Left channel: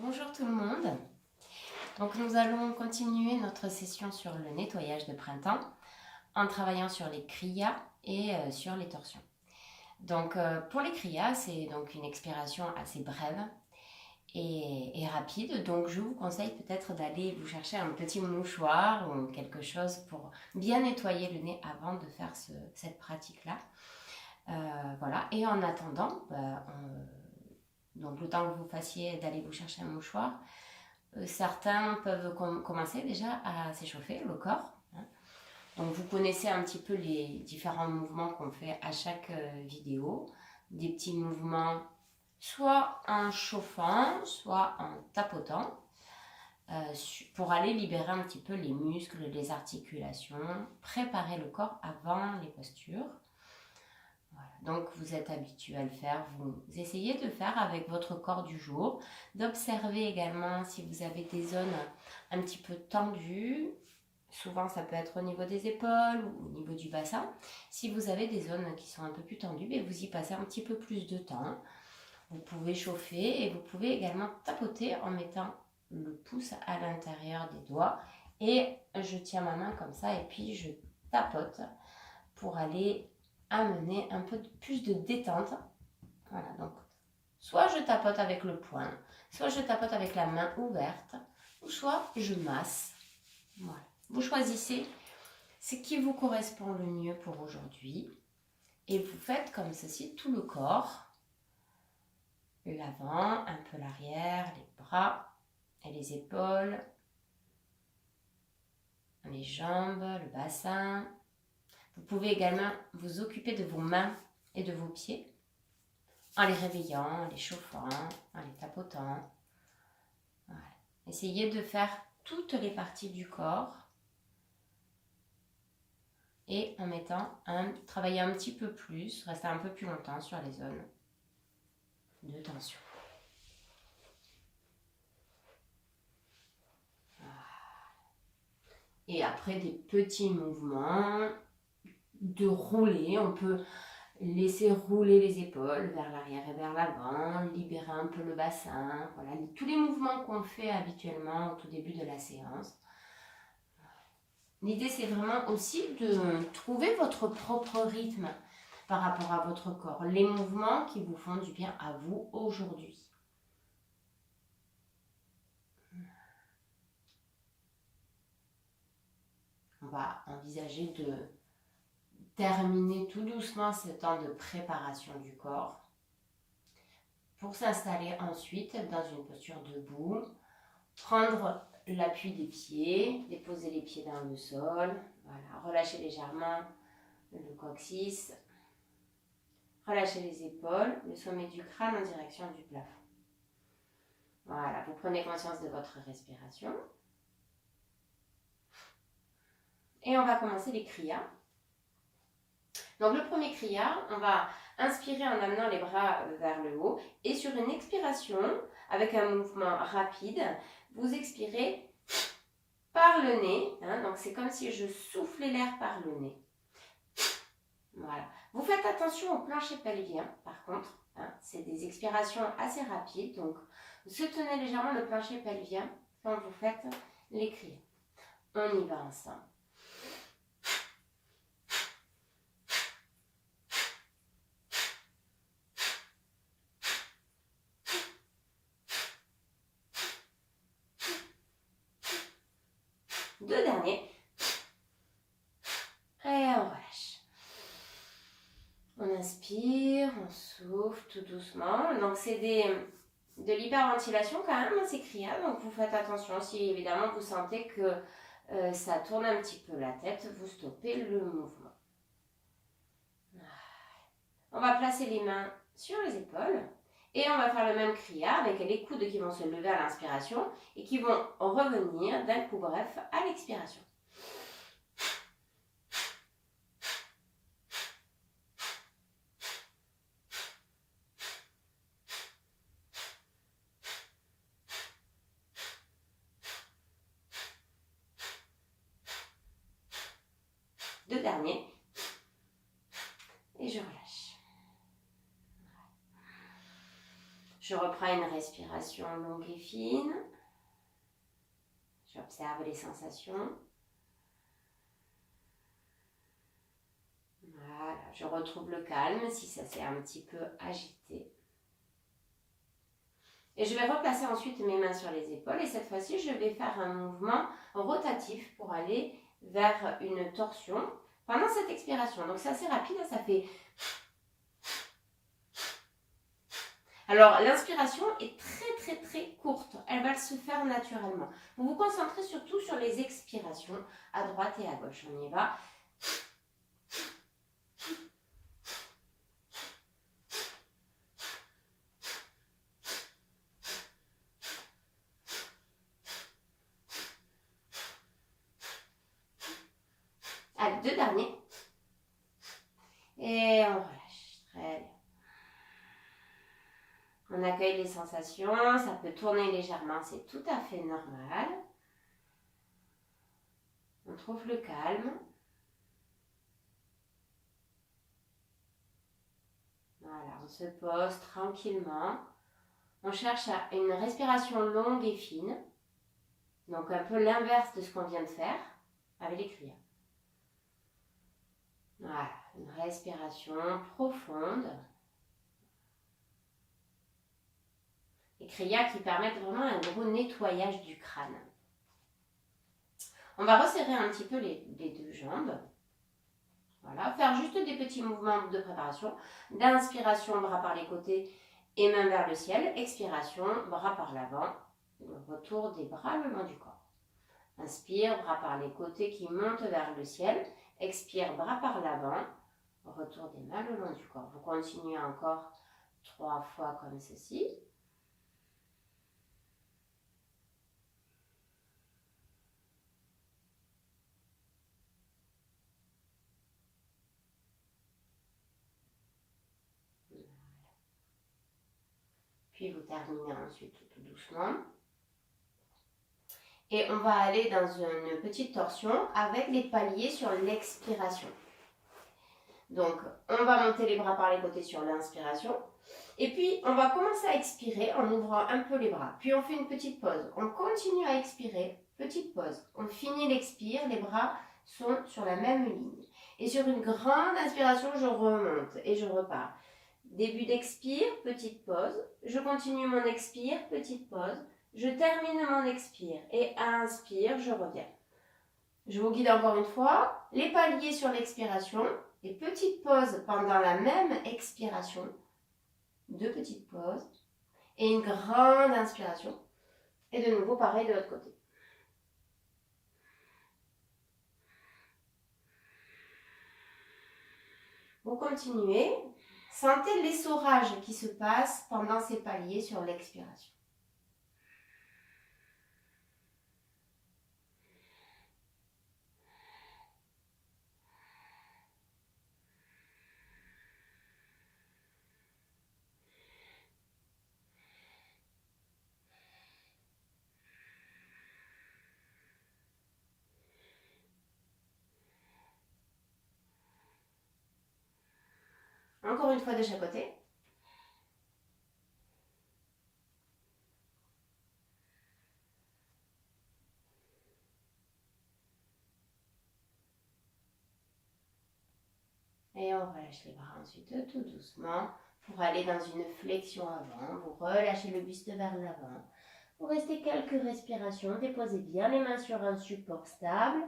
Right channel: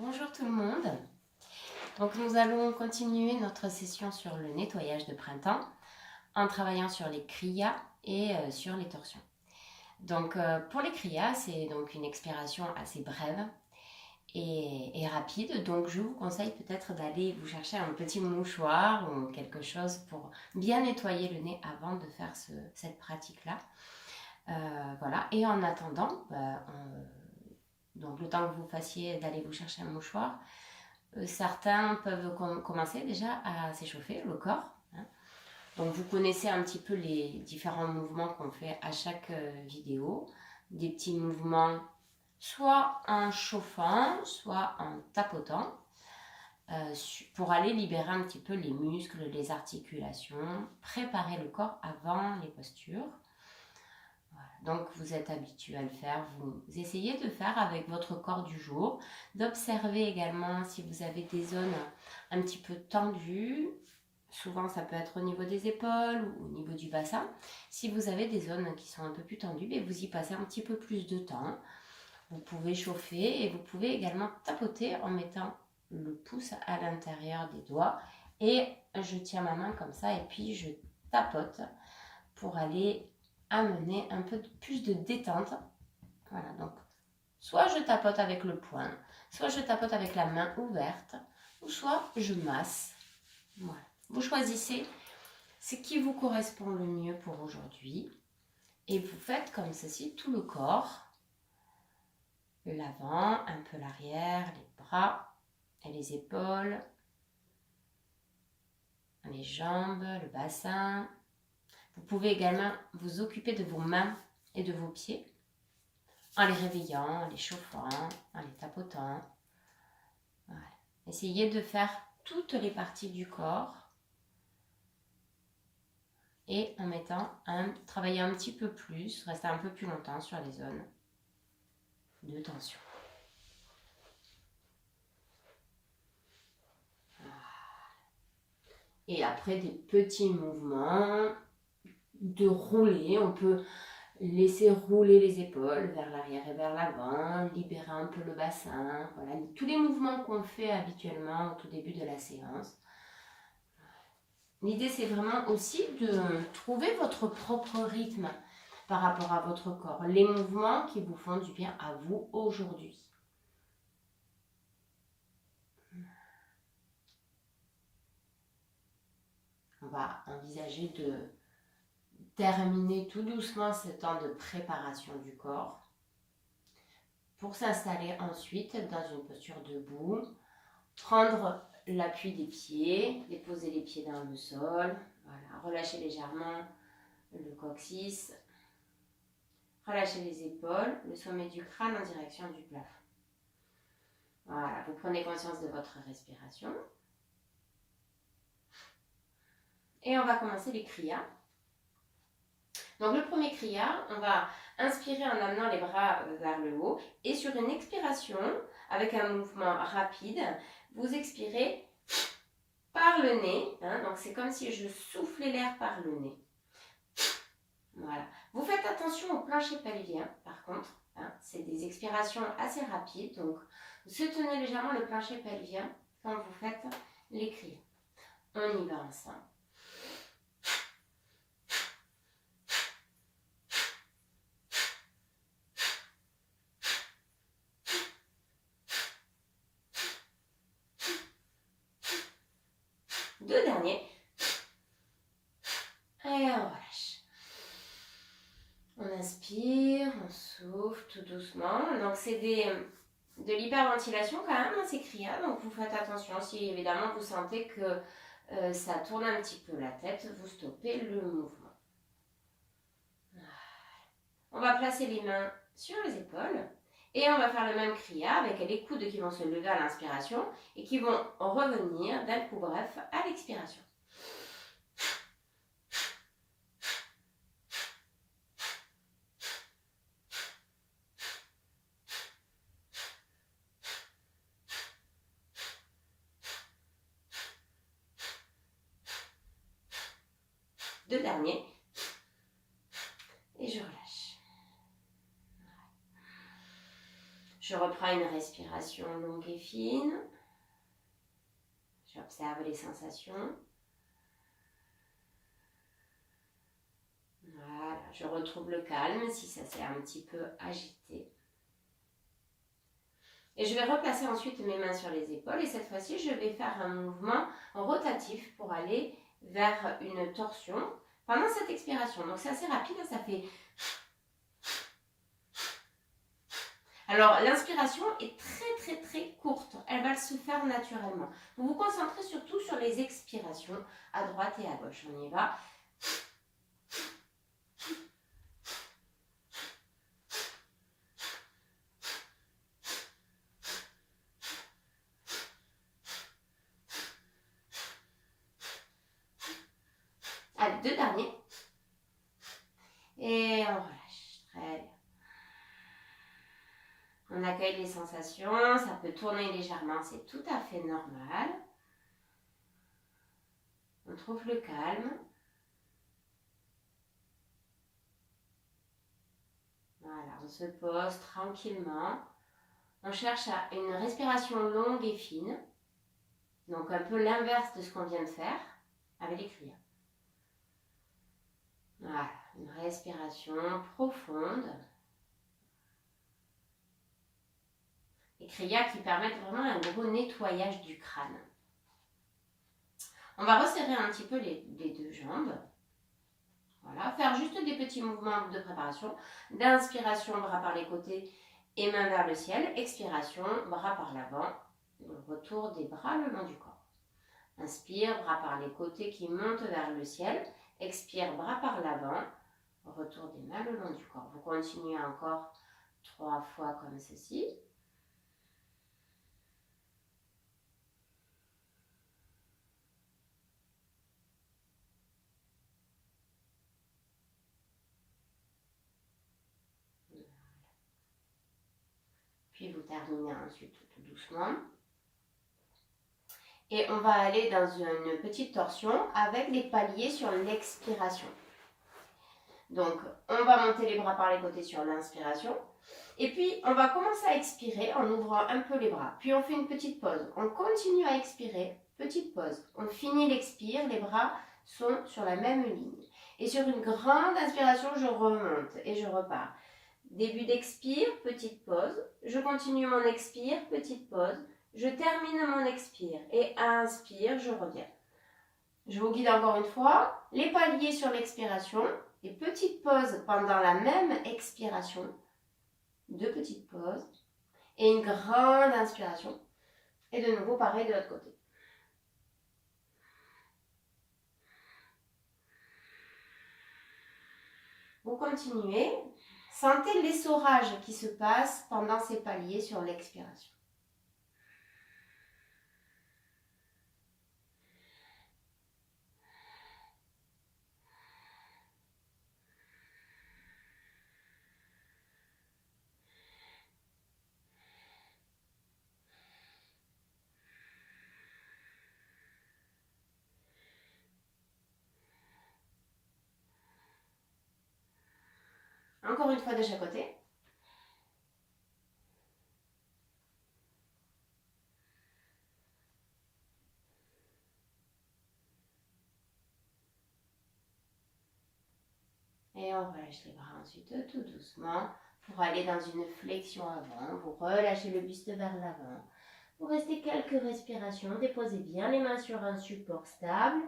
Bonjour tout le monde. Donc nous allons continuer notre session sur le nettoyage de printemps en travaillant sur les kriyas et sur les torsions. Donc pour les kriyas, c'est donc une expiration assez brève et rapide. Donc je vous conseille peut-être d'aller vous chercher un petit mouchoir ou quelque chose pour bien nettoyer le nez avant de faire cette pratique-là. Voilà. Et en attendant, donc le temps que vous fassiez d'aller vous chercher un mouchoir, certains peuvent commencer déjà à s'échauffer le corps. Donc vous connaissez un petit peu les différents mouvements qu'on fait à chaque vidéo. Des petits mouvements soit en chauffant, soit en tapotant, pour aller libérer un petit peu les muscles, les articulations, préparer le corps avant les postures. Voilà. Donc vous êtes habitué à le faire, vous essayez de faire avec votre corps du jour, d'observer également si vous avez des zones un petit peu tendues. Souvent ça peut être au niveau des épaules ou au niveau du bassin. Si vous avez des zones qui sont un peu plus tendues, mais vous y passez un petit peu plus de temps. Vous pouvez chauffer et vous pouvez également tapoter en mettant le pouce à l'intérieur des doigts. Et je tiens ma main comme ça et puis je tapote pour aller amener un peu plus de détente. Voilà, donc soit je tapote avec le poing, soit je tapote avec la main ouverte, ou soit je masse. Voilà. Vous choisissez ce qui vous correspond le mieux pour aujourd'hui. Et vous faites comme ceci tout le corps. L'avant, un peu l'arrière, les bras et les épaules, les jambes, le bassin. Vous pouvez également vous occuper de vos mains et de vos pieds en les réveillant, en les chauffant, en les tapotant. Voilà. Essayez de faire toutes les parties du corps et en travailler un petit peu plus, rester un peu plus longtemps sur les zones de tension. Et après des petits mouvements de rouler, on peut laisser rouler les épaules vers l'arrière et vers l'avant, libérer un peu le bassin. Voilà, tous les mouvements qu'on fait habituellement au tout début de la séance. L'idée, c'est vraiment aussi de trouver votre propre rythme par rapport à votre corps. Les mouvements qui vous font du bien à vous aujourd'hui. On va envisager de terminer tout doucement ce temps de préparation du corps pour s'installer ensuite dans une posture debout, prendre l'appui des pieds, déposer les pieds dans le sol, voilà, relâcher légèrement le coccyx, relâchez les épaules, le sommet du crâne en direction du plafond. Voilà, vous prenez conscience de votre respiration. Et on va commencer les kriyas. Donc le premier kriya, on va inspirer en amenant les bras vers le haut et sur une expiration, avec un mouvement rapide, vous expirez par le nez. Donc c'est comme si je soufflais l'air par le nez. Voilà. Vous faites attention au plancher pelvien, par contre. C'est des expirations assez rapides. Donc, soutenez légèrement le plancher pelvien quand vous faites les kriyas. On y va ensemble. Deux derniers. Et on relâche. On inspire, on souffle tout doucement. Donc, c'est de l'hyperventilation quand même, ces kriyas. Donc, vous faites attention. Si évidemment vous sentez que ça tourne un petit peu la tête, vous stoppez le mouvement. On va placer les mains sur les épaules. Et on va faire le même kriya avec les coudes qui vont se lever à l'inspiration et qui vont revenir d'un coup bref à l'expiration. Deux derniers. Et je relâche. Je reprends fera une respiration longue et fine. J'observe les sensations. Voilà, je retrouve le calme si ça s'est un petit peu agité. Et je vais replacer ensuite mes mains sur les épaules et cette fois-ci, je vais faire un mouvement rotatif pour aller vers une torsion pendant cette expiration. Donc c'est assez rapide, ça fait... Alors l'inspiration est très courte, elle va se faire naturellement. Vous vous concentrez surtout sur les expirations à droite et à gauche. On y va. Allez, deux derniers. Et on relâche. Très bien. On accueille les sensations, ça peut tourner légèrement, c'est tout à fait normal. On trouve le calme. Voilà, on se pose tranquillement. On cherche une respiration longue et fine. Donc un peu l'inverse de ce qu'on vient de faire avec les criyas. Voilà, une respiration profonde. Les kriyas qui permettent vraiment un gros nettoyage du crâne. On va resserrer un petit peu les deux jambes. Voilà, faire juste des petits mouvements de préparation. D'inspiration, bras par les côtés et mains vers le ciel. Expiration, bras par l'avant. Retour des bras le long du corps. Inspire, bras par les côtés qui montent vers le ciel. Expire, bras par l'avant. Retour des mains le long du corps. Vous continuez encore 3 fois comme ceci. Puis vous terminez ensuite tout doucement. Et on va aller dans une petite torsion avec des paliers sur l'expiration. Donc, on va monter les bras par les côtés sur l'inspiration. Et puis, on va commencer à expirer en ouvrant un peu les bras. Puis, on fait une petite pause. On continue à expirer. Petite pause. On finit l'expire. Les bras sont sur la même ligne. Et sur une grande inspiration, je remonte et je repars. Début d'expire, petite pause. Je continue mon expire, petite pause. Je termine mon expire et inspire, je reviens. Je vous guide encore une fois. Les paliers sur l'expiration et petite pause pendant la même expiration. Deux petites pauses et une grande inspiration. Et de nouveau, pareil de l'autre côté. Vous continuez. Sentez l'essorage qui se passe pendant ces paliers sur l'expiration. Encore une fois de chaque côté. Et on relâche les bras ensuite tout doucement pour aller dans une flexion avant. Vous relâchez le buste vers l'avant. Vous restez quelques respirations. Déposez bien les mains sur un support stable.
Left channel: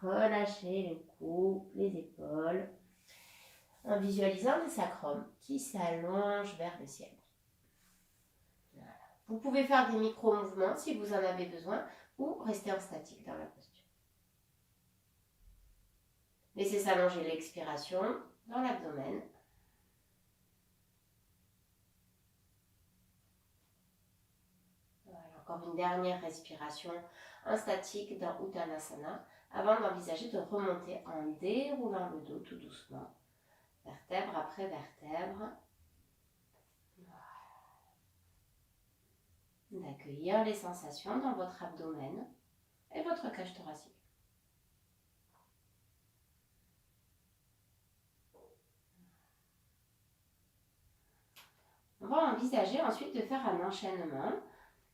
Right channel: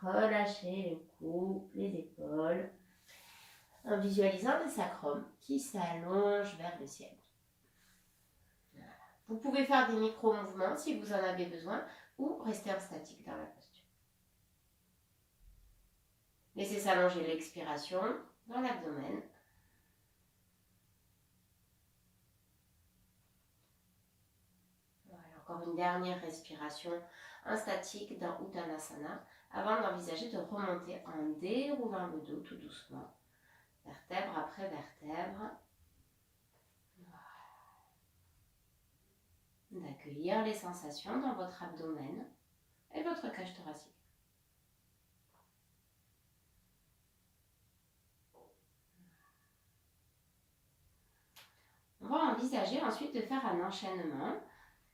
Relâchez le cou, les épaules. En visualisant le sacrum qui s'allonge vers le ciel. Voilà. Vous pouvez faire des micro-mouvements si vous en avez besoin ou rester en statique dans la posture. Laissez s'allonger l'expiration dans l'abdomen. Voilà, encore une dernière respiration en statique dans Uttanasana avant d'envisager de remonter en déroulant le dos tout doucement. Vertèbre après vertèbre. Voilà. D'accueillir les sensations dans votre abdomen et votre cage thoracique. On va envisager ensuite de faire un enchaînement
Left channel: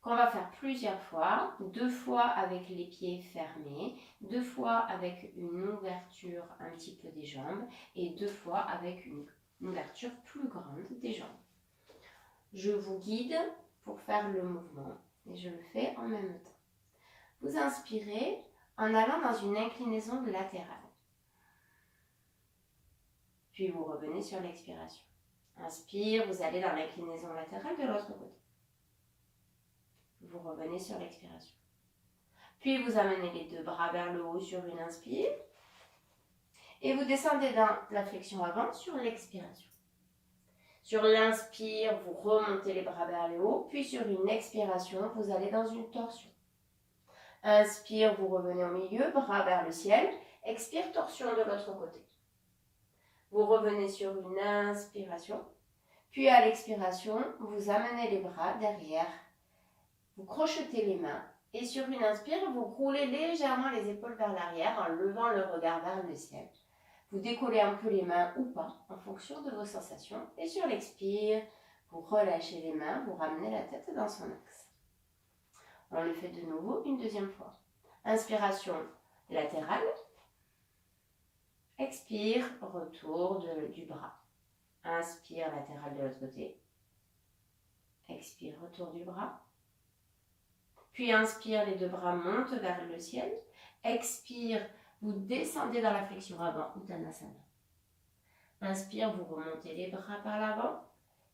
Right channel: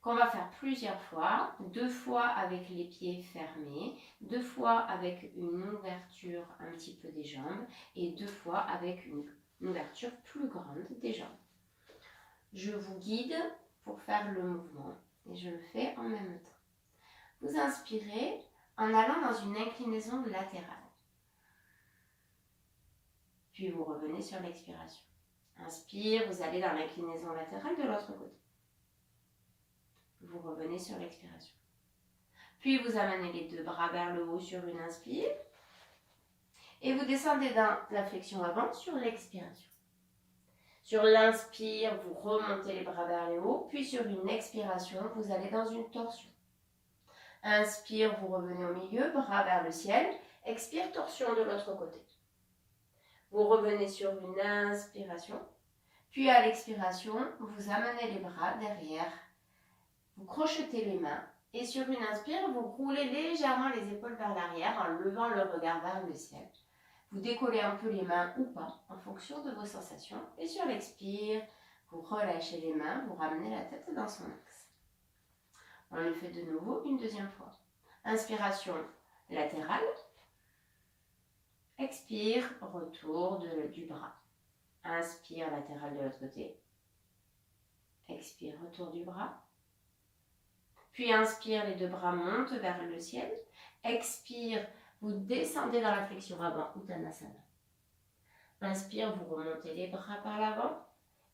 qu'on va faire plusieurs fois, 2 fois avec les pieds fermés, 2 fois avec une ouverture un petit peu des jambes et 2 fois avec une ouverture plus grande des jambes. Je vous guide pour faire le mouvement et je le fais en même temps. Vous inspirez en allant dans une inclinaison latérale. Puis vous revenez sur l'expiration. Inspire, vous allez dans l'inclinaison latérale de l'autre côté. Vous revenez sur l'expiration. Puis vous amenez les 2 bras vers le haut sur une inspire. Et vous descendez dans la flexion avant sur l'expiration. Sur l'inspire, vous remontez les bras vers le haut. Puis sur une expiration, vous allez dans une torsion. Inspire, vous revenez au milieu, bras vers le ciel. Expire, torsion de l'autre côté. Vous revenez sur une inspiration. Puis à l'expiration, vous amenez les bras derrière. Vous crochetez les mains. Et sur une inspire, vous roulez légèrement les épaules vers l'arrière en levant le regard vers le ciel. Vous décollez un peu les mains ou pas en fonction de vos sensations. Et sur l'expire, vous relâchez les mains, vous ramenez la tête dans son axe. On le fait de nouveau une deuxième fois. Inspiration latérale. Expire, retour du bras. Inspire, latéral de l'autre côté. Expire, retour du bras. Puis inspire, les 2 bras montent vers le ciel. Expire, vous descendez dans la flexion avant, Uttanasana. Inspire, vous remontez les bras par l'avant.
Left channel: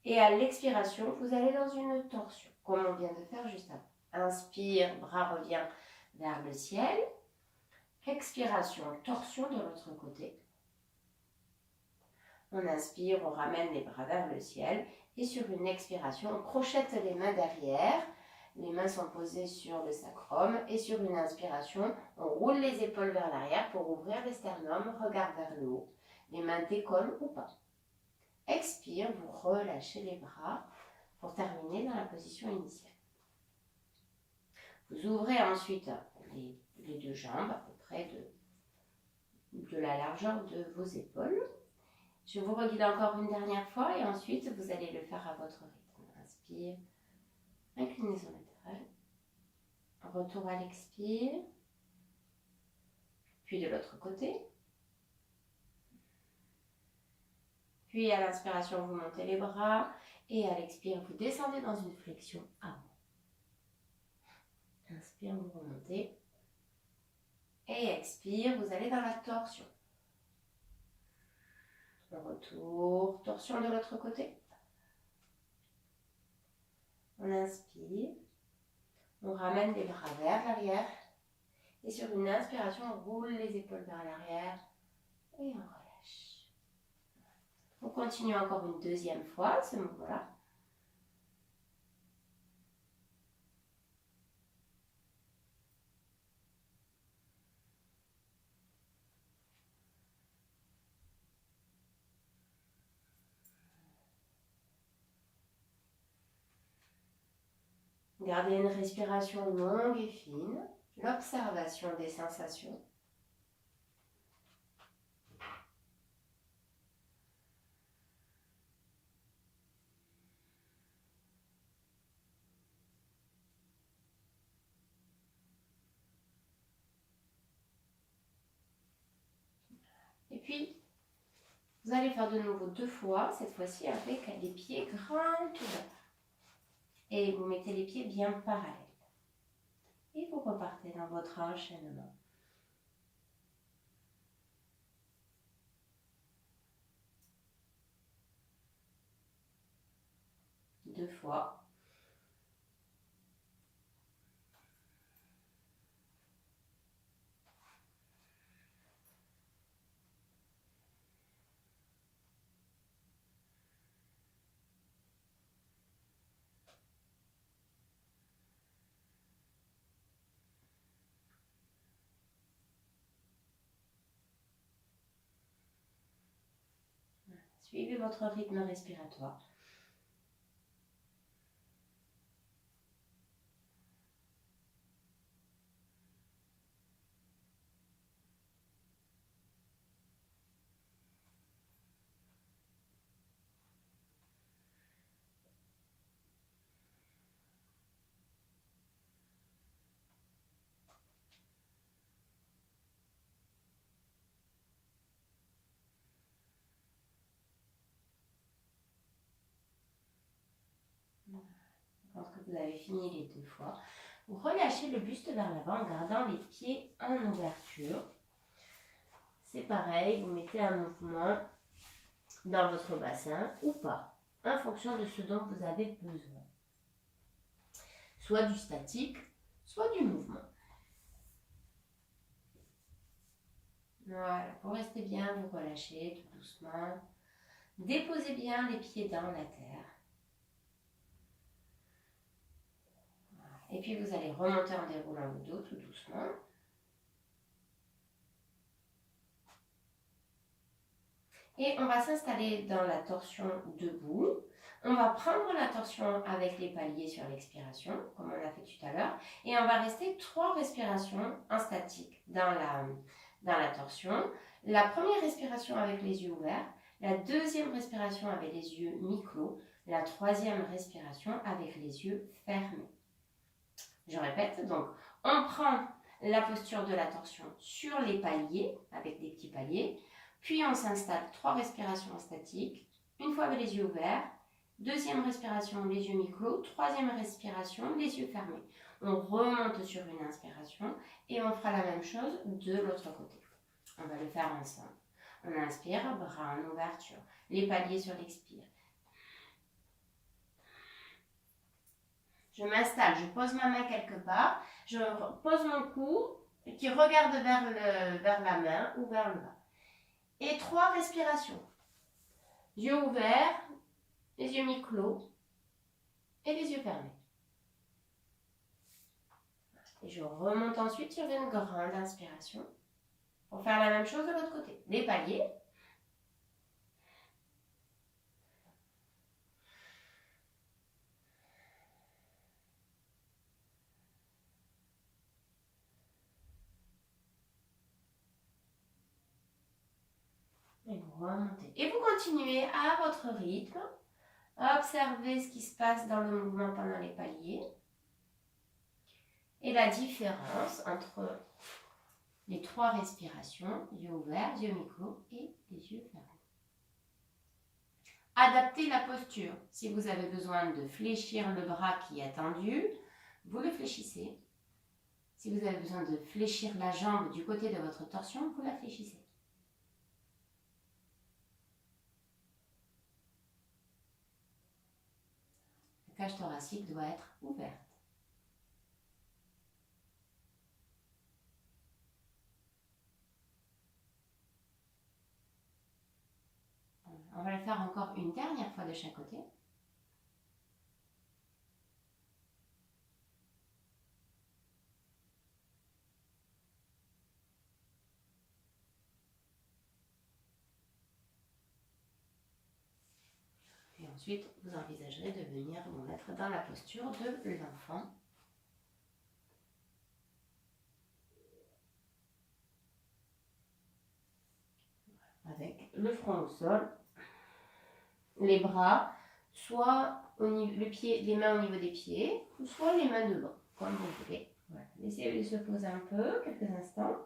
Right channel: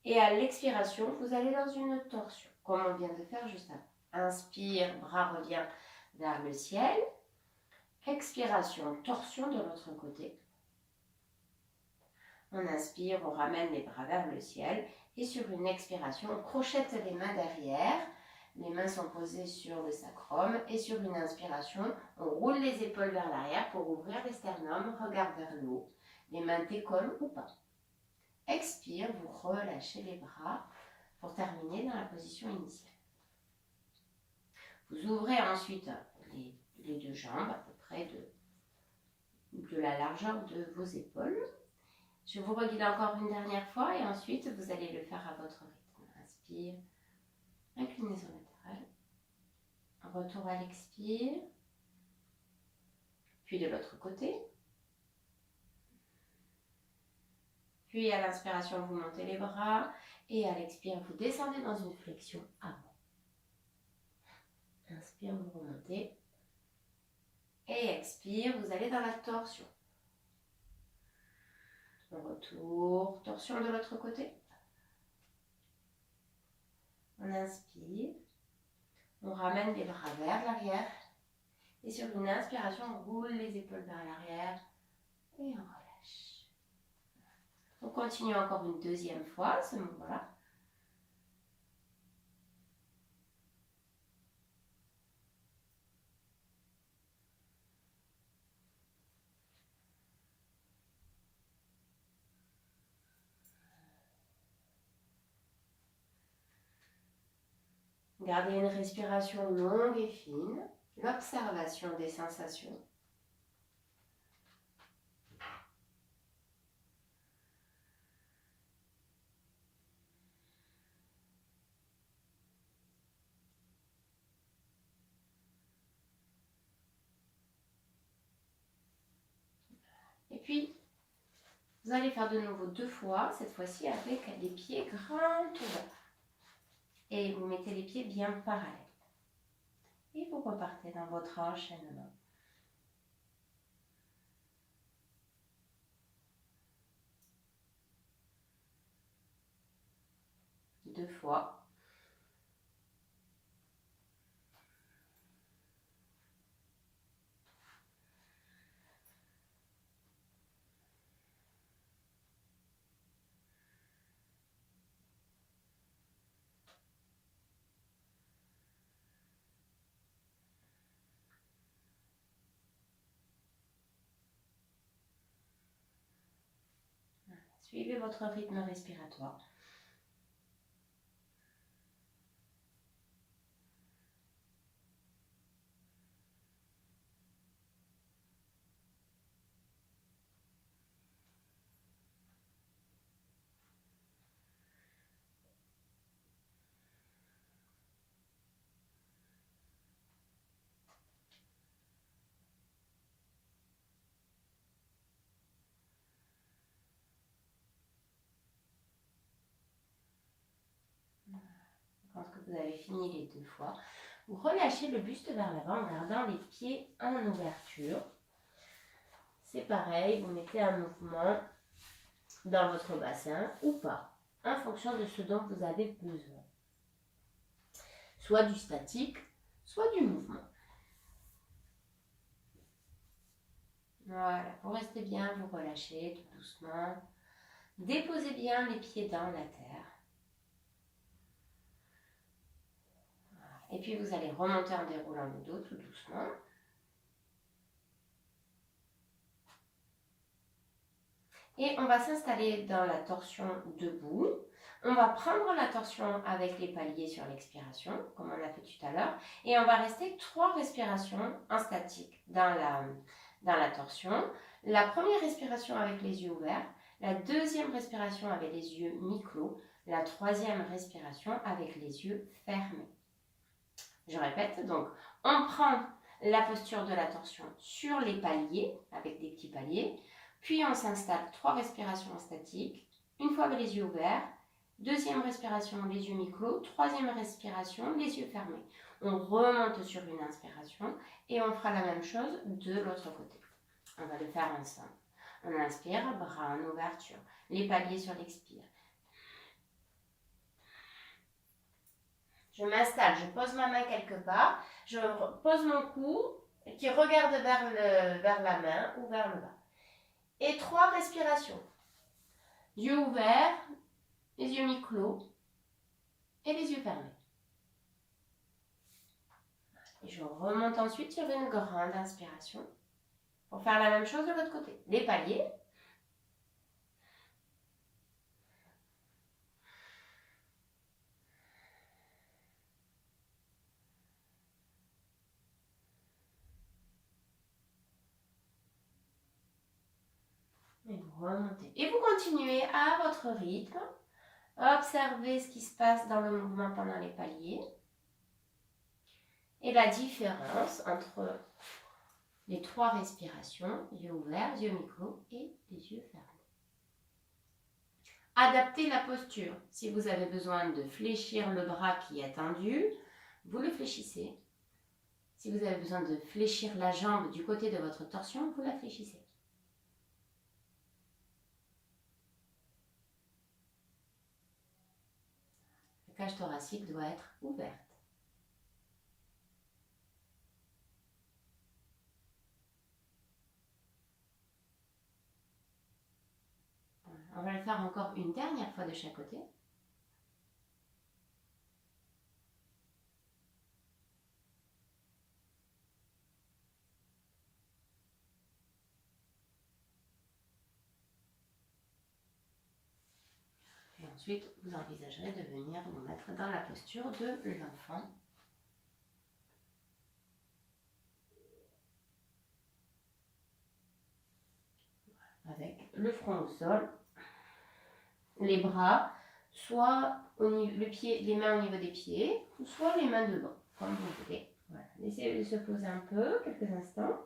Et à l'expiration, vous allez dans une torsion, comme on vient de faire juste avant. Inspire, bras revient vers le ciel. Expiration, torsion de l'autre côté. On inspire, on ramène les bras vers le ciel. Et sur une expiration, on crochette les mains derrière. Les mains sont posées sur le sacrum. Et sur une inspiration, on roule les épaules vers l'arrière pour ouvrir les sternums, regard vers le haut. Les mains décollent ou pas. Expire, vous relâchez les bras pour terminer dans la position initiale. Vous ouvrez ensuite les 2 jambes à peu près de la largeur de vos épaules. Je vous reguide encore une dernière fois et ensuite vous allez le faire à votre rythme. Inspire, inclinaison latérale, retour à l'expire, puis de l'autre côté. Puis à l'inspiration, vous montez les bras et à l'expire, vous descendez dans une flexion avant. Inspire, vous remontez. Et expire, vous allez dans la torsion. Retour, torsion de l'autre côté. On inspire, on ramène les bras vers l'arrière. Et sur une inspiration, on roule les épaules vers l'arrière et on relâche. On continue encore une deuxième fois ce mouvement-là. Gardez une respiration longue et fine, l'observation des sensations. Et puis, vous allez faire de nouveau 2 fois, cette fois-ci avec les pieds grands ouverts. Et vous mettez les pieds bien parallèles. Et vous repartez dans votre enchaînement. Deux fois. Suivez votre rythme respiratoire. pense que vous avez fini les 2 fois. Vous relâchez le buste vers l'avant en gardant les pieds en ouverture. C'est pareil, vous mettez un mouvement dans votre bassin ou pas, en fonction de ce dont vous avez besoin. Soit du statique, soit du mouvement. Voilà, pour rester bien, vous relâchez tout doucement. Déposez bien les pieds dans la terre. Voilà. Et puis vous allez remonter en déroulant le dos tout doucement. Et on va s'installer dans la torsion debout. On va prendre la torsion avec les paliers sur l'expiration, comme on a fait tout à l'heure. Et on va rester 3 respirations en statique dans la torsion. La première respiration avec les yeux ouverts. La deuxième respiration avec les yeux mi-clos. La troisième respiration avec les yeux fermés. Je répète, donc on prend la posture de la torsion sur les paliers, avec des petits paliers. Puis on s'installe 3 respirations en statique, une fois avec les yeux ouverts, deuxième respiration, les yeux mi-clos, troisième respiration, les yeux fermés. On remonte sur une inspiration et on fera la même chose de l'autre côté. On va le faire ensemble. On inspire, bras en ouverture, les paliers sur l'expire. Je m'installe, je pose ma main quelque part, je pose mon cou qui regarde vers la main ou vers le bas. Et 3 respirations. Yeux ouverts, les yeux mi-clos et les yeux fermés. Et je remonte ensuite sur une grande inspiration pour faire la même chose de l'autre côté. Les paliers. Et vous remontez. Et vous continuez à votre rythme. Observez ce qui se passe dans le mouvement pendant les paliers. Et la différence entre les 3 respirations, yeux ouverts, yeux mi-clos et les yeux fermés. Adaptez la posture. Si vous avez besoin de fléchir le bras qui est tendu, vous le fléchissez. Si vous avez besoin de fléchir la jambe du côté de votre torsion, vous la fléchissez. La cage thoracique doit être ouverte. On va le faire encore une dernière fois de chaque côté. Et ensuite, vous envisagerez de venir vous mettre dans la posture de l'enfant. Avec le front au sol, les bras, soit les mains au niveau des pieds, ou soit les mains devant, comme vous voulez. Voilà. Laissez-les se poser un peu, quelques instants.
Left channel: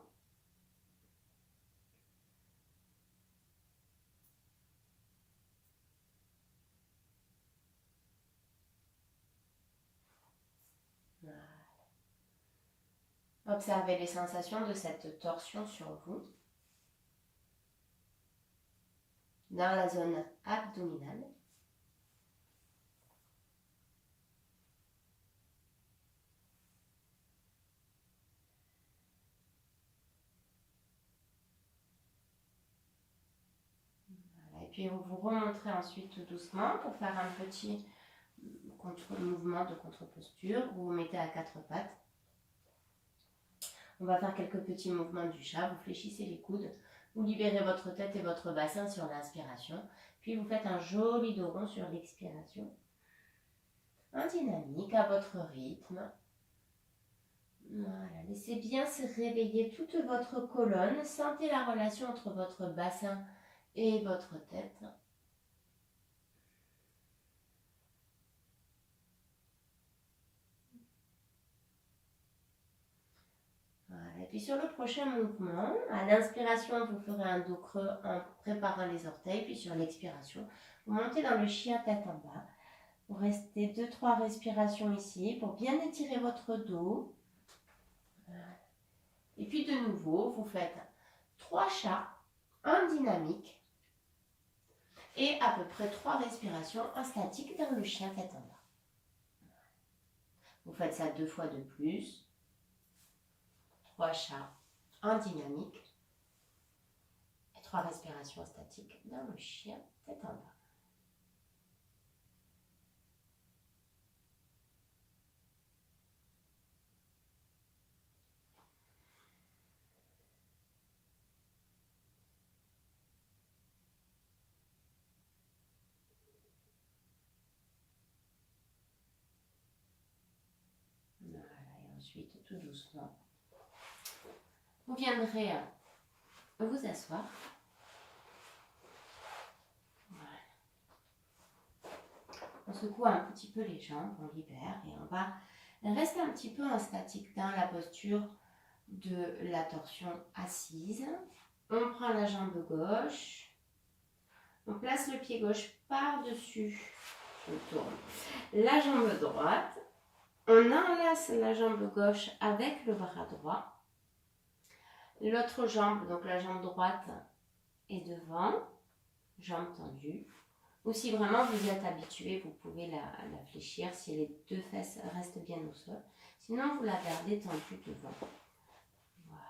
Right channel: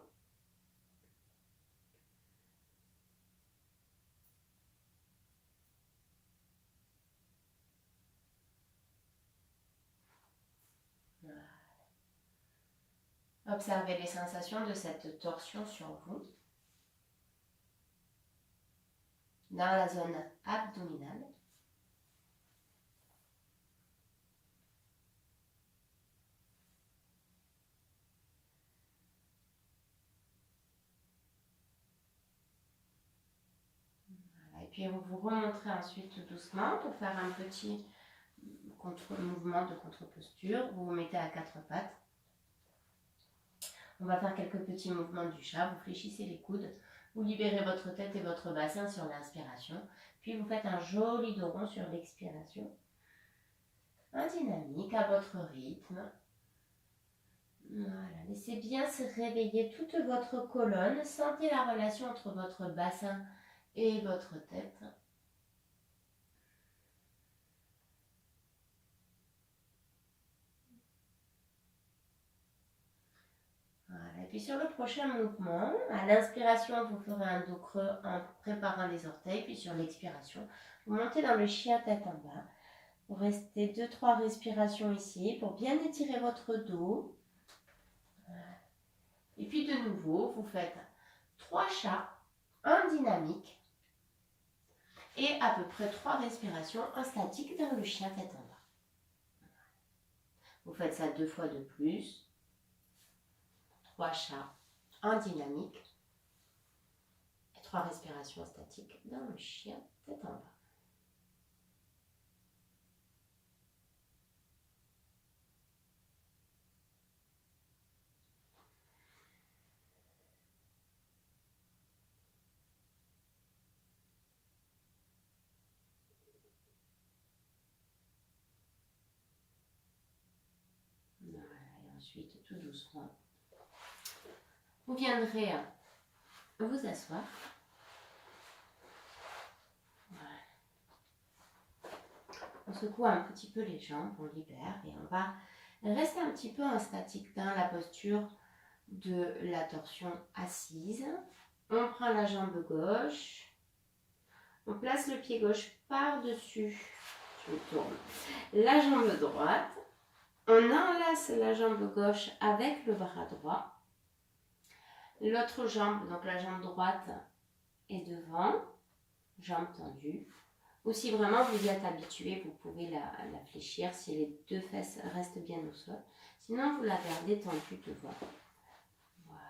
Voilà. Observez les sensations de cette torsion sur vous. Dans la zone abdominale. Voilà. Et puis vous vous remonterez ensuite tout doucement pour faire un petit mouvement de contre-posture. Vous vous mettez à 4 pattes. On va faire quelques petits mouvements du chat. Vous fléchissez les coudes. Vous libérez votre tête et votre bassin sur l'inspiration. Puis vous faites un joli dos rond sur l'expiration. En dynamique, à votre rythme. Voilà, laissez bien se réveiller toute votre colonne. Sentez la relation entre votre bassin et votre tête. Voilà. Et puis sur le prochain mouvement, à l'inspiration, vous ferez un dos creux en préparant les orteils. Puis sur l'expiration, vous montez dans le chien tête en bas. Vous restez 2-3 respirations ici pour bien étirer votre dos. Et puis de nouveau, vous faites 3 chats, un dynamique et à peu près 3 respirations en statique vers le chien tête en bas. Vous faites ça 2 fois de plus. 3 chats, un dynamique et 3 respirations statiques dans le chien tête en bas. Voilà, et ensuite, tout doucement, vous viendrez vous asseoir. Voilà. On secoue un petit peu les jambes, on libère et on va rester un petit peu en statique dans la posture de la torsion assise. On prend la jambe gauche, on place le pied gauche par-dessus, je tourne la jambe droite, on enlace la jambe gauche avec le bras droit, l'autre jambe, donc la jambe droite est devant, jambe tendue, ou si vraiment vous êtes habitué, vous pouvez la fléchir si les 2 fesses restent bien au sol, sinon vous la gardez tendue devant. Voilà.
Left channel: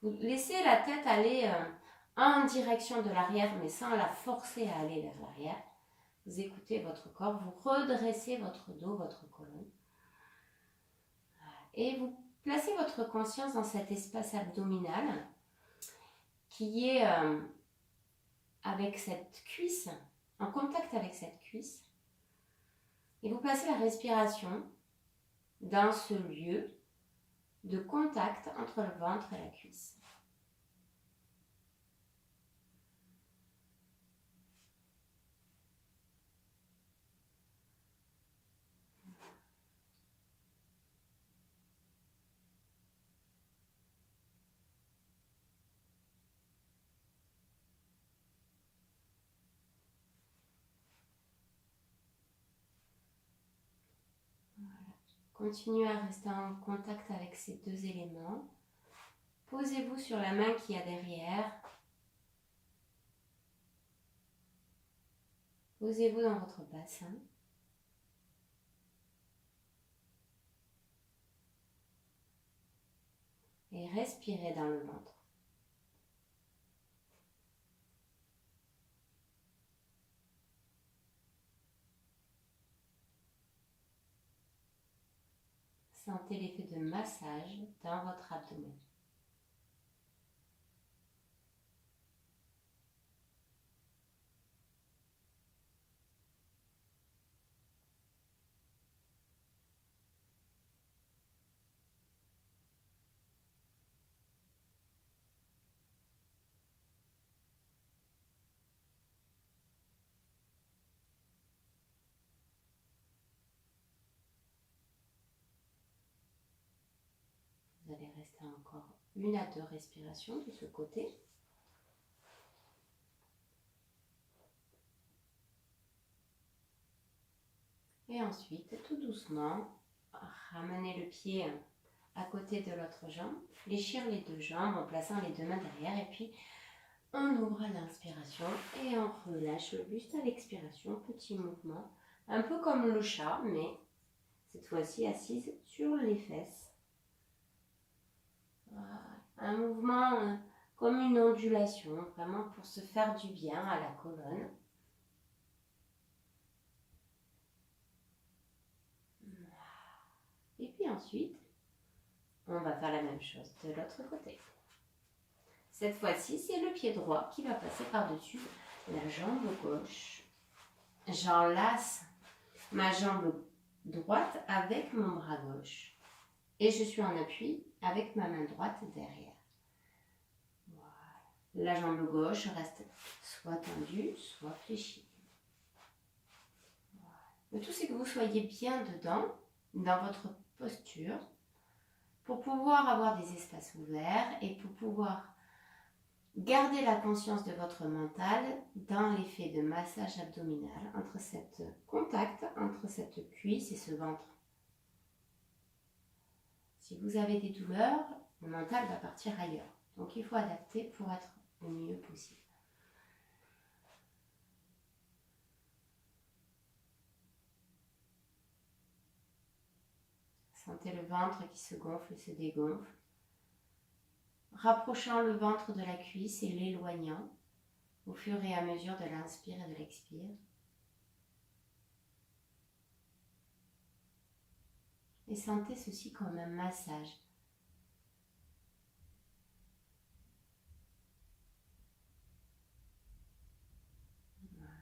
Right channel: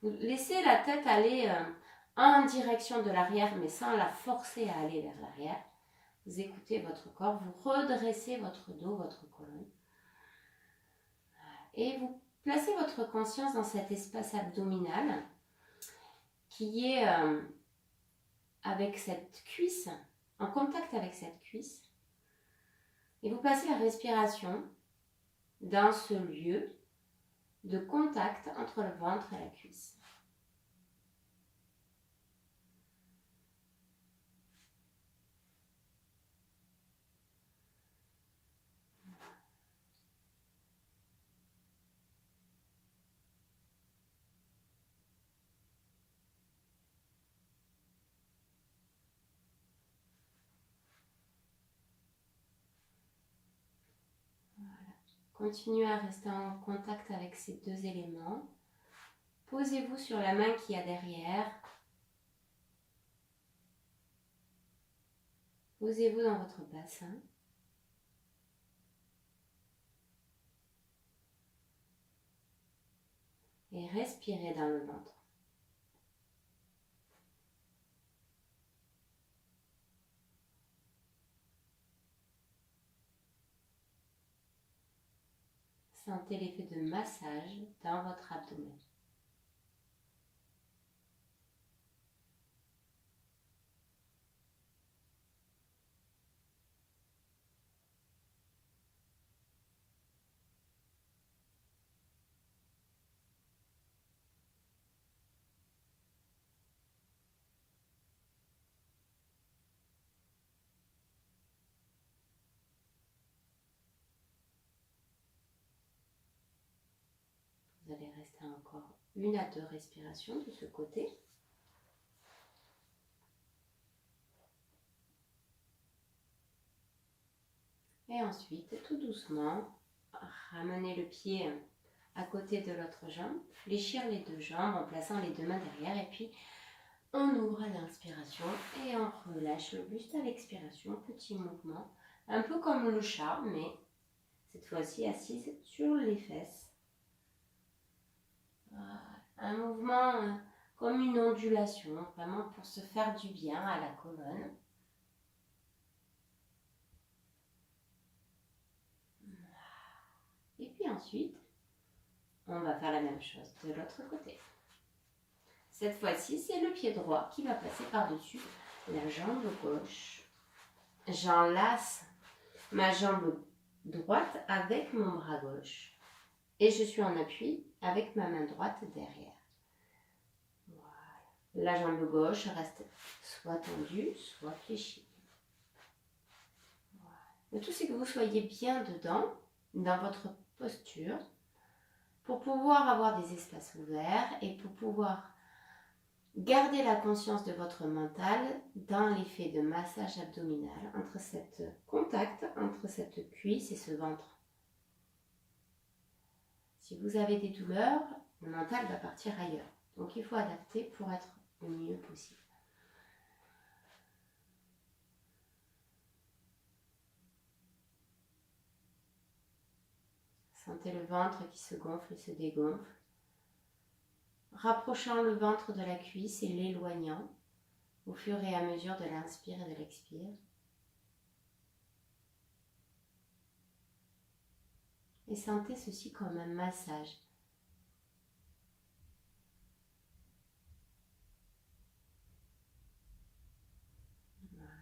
Vous laissez la tête aller en direction de l'arrière, mais sans la forcer à aller vers l'arrière. Vous écoutez votre corps, vous redressez votre dos, votre colonne. Et vous placez votre conscience dans cet espace abdominal qui est avec cette cuisse, en contact avec cette cuisse. Et vous placez la respiration dans ce lieu de contact entre le ventre et la cuisse. Continuez à rester en contact avec ces 2 éléments. Posez-vous sur la main qu'il y a derrière. Posez-vous dans votre bassin. Et respirez dans le ventre. Sentez l'effet de massage dans votre abdomen. Vous allez rester encore 1 à 2 respirations de ce côté. Et ensuite, tout doucement, ramenez le pied à côté de l'autre jambe, fléchir les 2 jambes en plaçant les 2 mains derrière et puis on ouvre à l'inspiration et on relâche le buste à l'expiration, petit mouvement, un peu comme le chat, mais cette fois-ci assise sur les fesses. Voilà. Un mouvement comme une ondulation, vraiment pour se faire du bien à la colonne. Et puis ensuite, on va faire la même chose de l'autre côté. Cette fois-ci, c'est le pied droit qui va passer par-dessus la jambe gauche. J'enlace ma jambe droite avec mon bras gauche. Et je suis en appui avec ma main droite derrière. Voilà. La jambe gauche reste soit tendue, soit fléchie. Voilà. Le tout, c'est que vous soyez bien dedans, dans votre posture, pour pouvoir avoir des espaces ouverts et pour pouvoir Gardez la conscience de votre mental dans l'effet de massage abdominal entre cette contact entre cette cuisse et ce ventre. Si vous avez des douleurs, le mental va partir ailleurs. Donc il faut adapter pour être le mieux possible. Sentez le ventre qui se gonfle et se dégonfle. Rapprochant le ventre de la cuisse et l'éloignant au fur et à mesure de l'inspire et de l'expire. Et sentez ceci comme un massage. Voilà.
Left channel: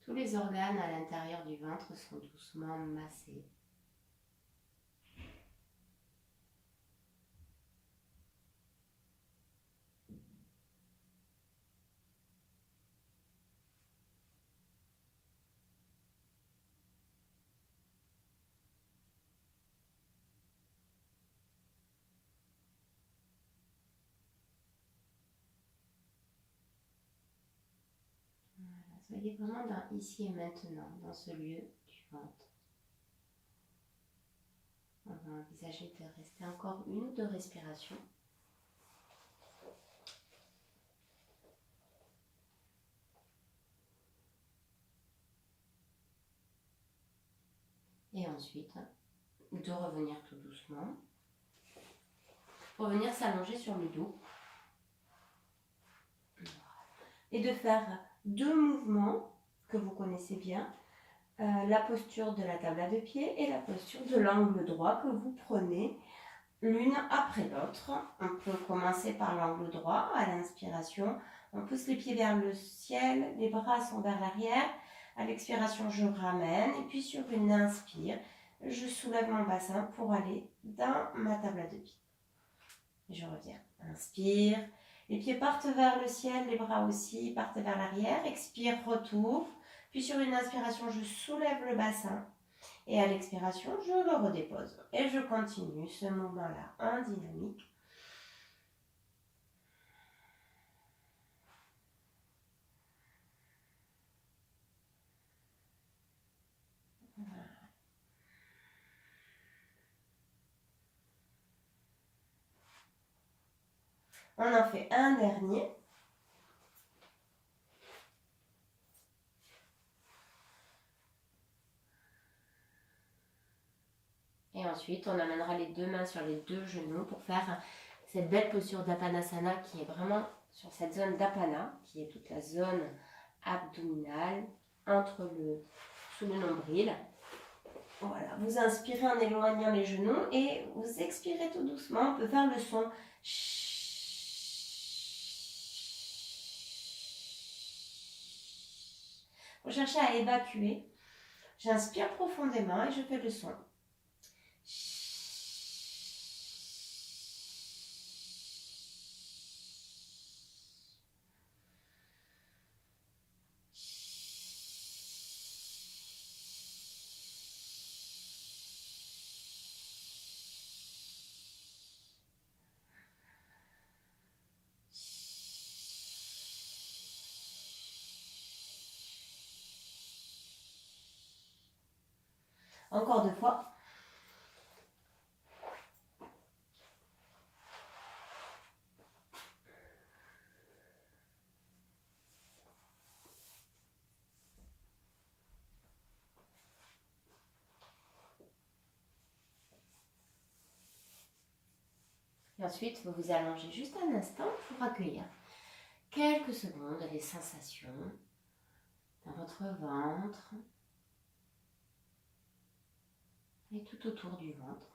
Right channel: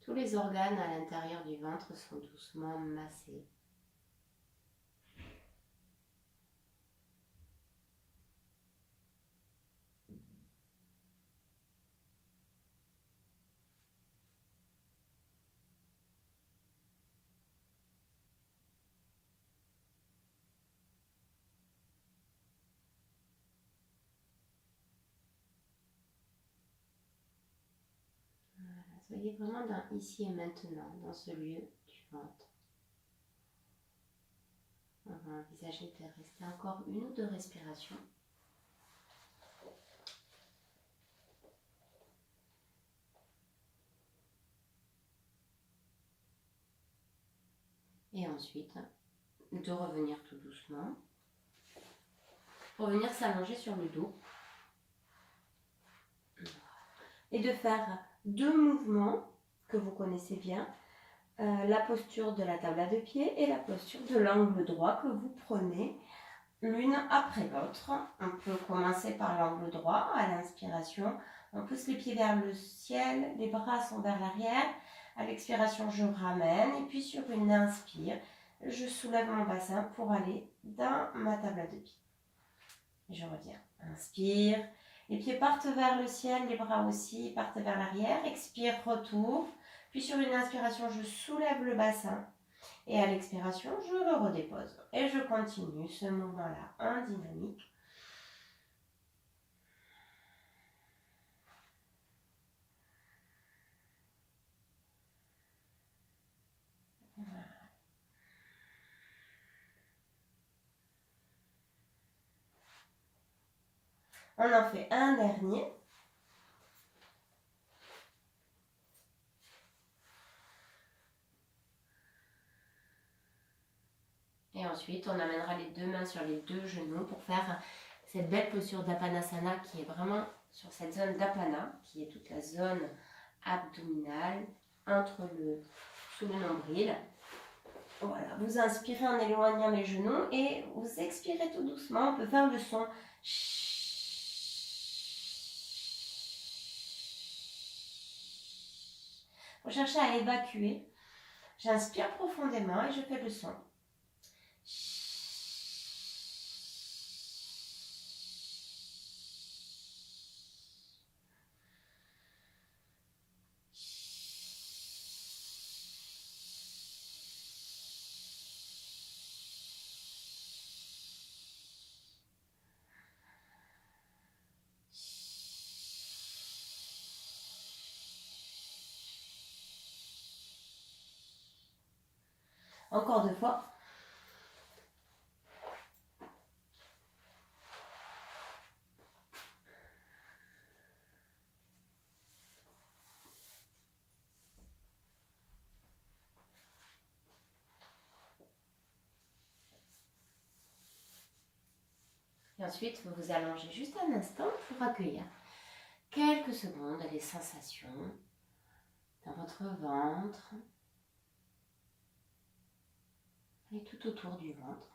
Tous les organes à l'intérieur du ventre sont doucement massés. Soyez vraiment dans ici et maintenant, dans ce lieu du ventre. On va envisager de rester encore 1 ou 2 respirations. Et ensuite, de revenir tout doucement. Pour venir s'allonger sur le dos. Et de faire 2 mouvements que vous connaissez bien. La posture de la table à 2 pieds et la posture de l'angle droit que vous prenez l'une après l'autre. On peut commencer par l'angle droit à l'inspiration. On pousse les pieds vers le ciel, les bras sont vers l'arrière. À l'expiration, je ramène et puis sur une inspire, je soulève mon bassin pour aller dans ma table à 2 pieds. Et je reviens. Inspire. Les pieds partent vers le ciel, les bras aussi partent vers l'arrière. Expire, retour. Puis sur une inspiration, je soulève le bassin. Et à l'expiration, je le redépose. Et je continue ce mouvement-là en dynamique. Voilà. On en fait un dernier. Et ensuite, on amènera les 2 mains sur les 2 genoux pour faire cette belle posture d'Apanasana qui est vraiment sur cette zone d'Apana, qui est toute la zone abdominale sous le nombril. Voilà, vous inspirez en éloignant les genoux et vous expirez tout doucement. On peut faire le son. Pour chercher à évacuer, j'inspire profondément et je fais le son. Encore 2 fois. Et ensuite, vous vous allongez juste un instant pour accueillir quelques secondes les sensations dans votre ventre et tout autour du ventre.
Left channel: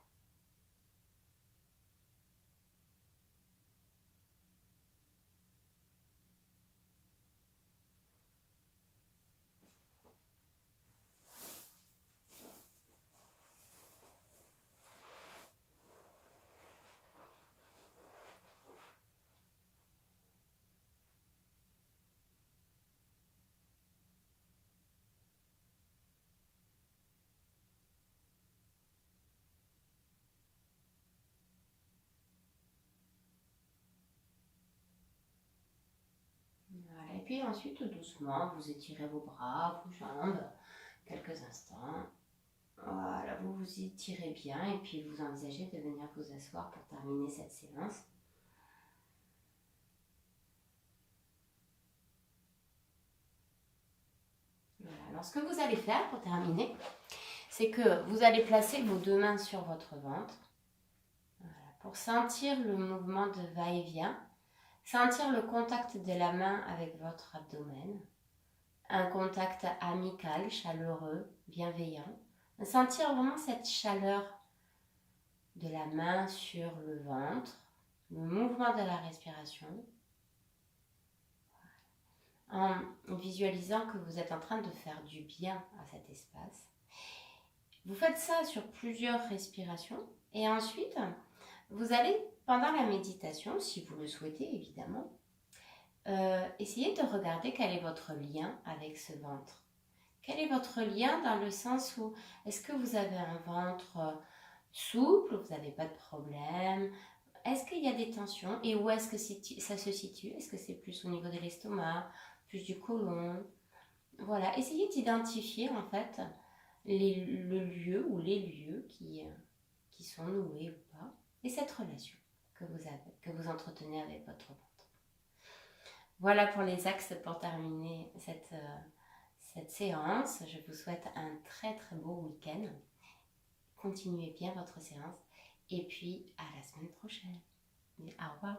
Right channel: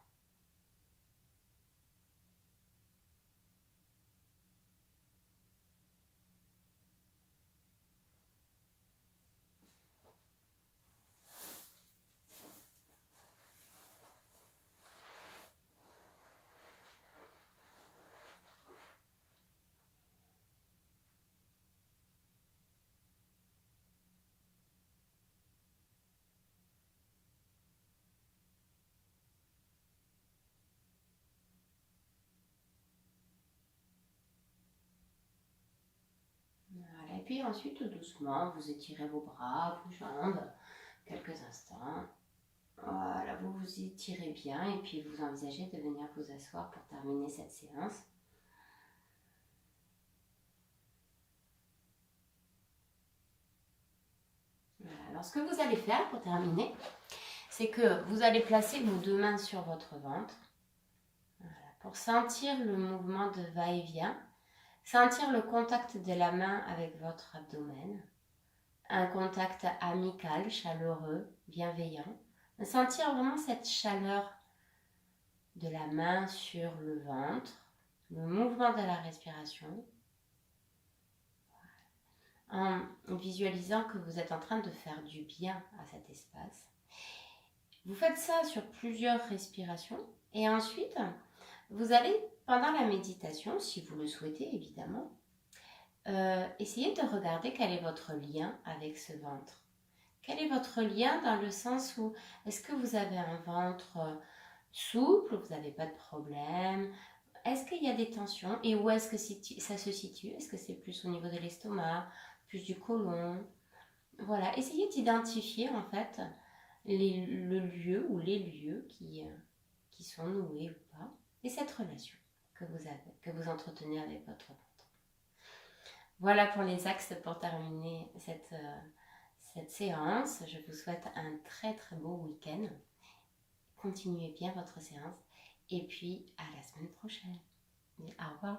puis ensuite, tout doucement, vous étirez vos bras, vos jambes, quelques instants. Voilà, vous vous étirez bien et puis vous envisagez de venir vous asseoir pour terminer cette séance. Voilà. Alors, ce que vous allez faire pour terminer, c'est que vous allez placer vos deux mains sur votre ventre. Voilà, pour sentir le mouvement de va-et-vient, sentir le contact de la main avec votre abdomen, un contact amical, chaleureux, bienveillant. Sentir vraiment cette chaleur de la main sur le ventre, le mouvement de la respiration, en visualisant que vous êtes en train de faire du bien à cet espace. Vous faites ça sur plusieurs respirations et ensuite, vous allez, pendant la méditation, si vous le souhaitez évidemment, essayez de regarder quel est votre lien avec ce ventre. Quel est votre lien dans le sens où est-ce que vous avez un ventre souple, vous n'avez pas de problème? Est-ce qu'il y a des tensions et où est-ce que ça se situe? Est-ce que c'est plus au niveau de l'estomac, plus du côlon? Voilà, essayez d'identifier en fait le lieu ou les lieux qui sont noués ou pas et cette relation que vous avez, que vous entretenez avec votre ventre. Voilà pour les axes pour terminer cette séance. Je vous souhaite un très très beau week-end. Continuez bien votre séance et puis à la semaine prochaine. Au revoir.